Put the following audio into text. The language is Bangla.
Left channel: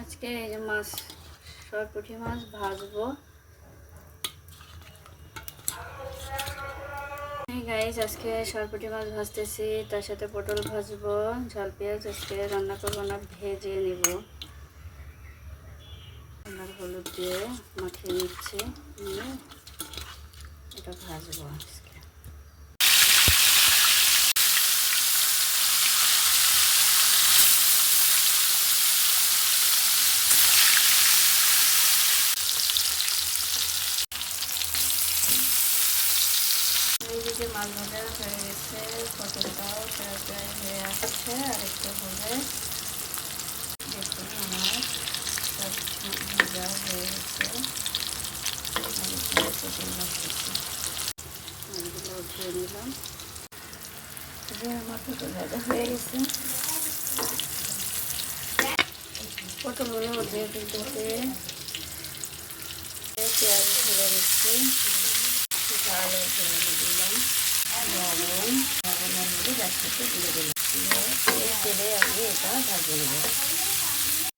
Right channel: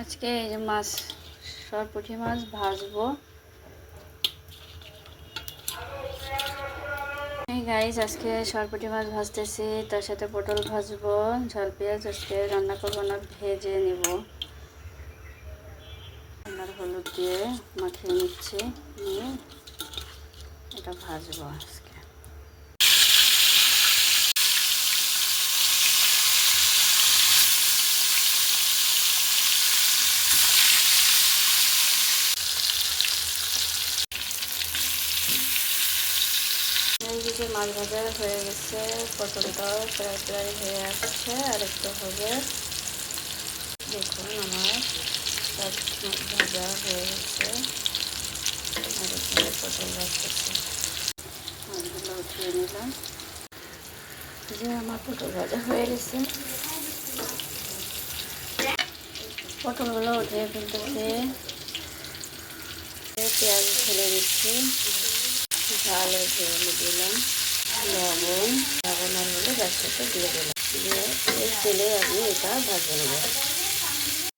আজকে এই যে মাছ, সরপুঁটি মাছ ভাজবো। এই গাইস, আজকে সরপুঁটি মাছ ভাজতেছি, তার সাথে পটল ভাজবো, ঝাল পেঁয়াজ আজকে রান্না করবো না, ভেজে নিব। আর হলুদ দিয়ে মাখিয়ে নিচ্ছি, নিয়ে এটা ভাজবো আজকে। এইদিকে মাছ ভাজা হয়ে গেছে, পটলটাও প্রায় প্রায় হয়ে আসছে, আর একটু হবে। দেখুন আমার সব ভাজা হয়ে গেছে, আর একটু পটল ভাজতেছি। মাছগুলো উঠিয়ে নিলাম, যে আমার পটল ভাজা হয়ে গেছে। পটলগুলো উঠিয়ে ফেলতেছি, পেঁয়াজ ফেলে দিচ্ছি, ঝাল ঝেড়ে দিলাম, লবণ আর হলে গ্যাসটাকে দিয়ে দিলাম, দিয়ে এই তেলে আমি এটা ভাজে নেব।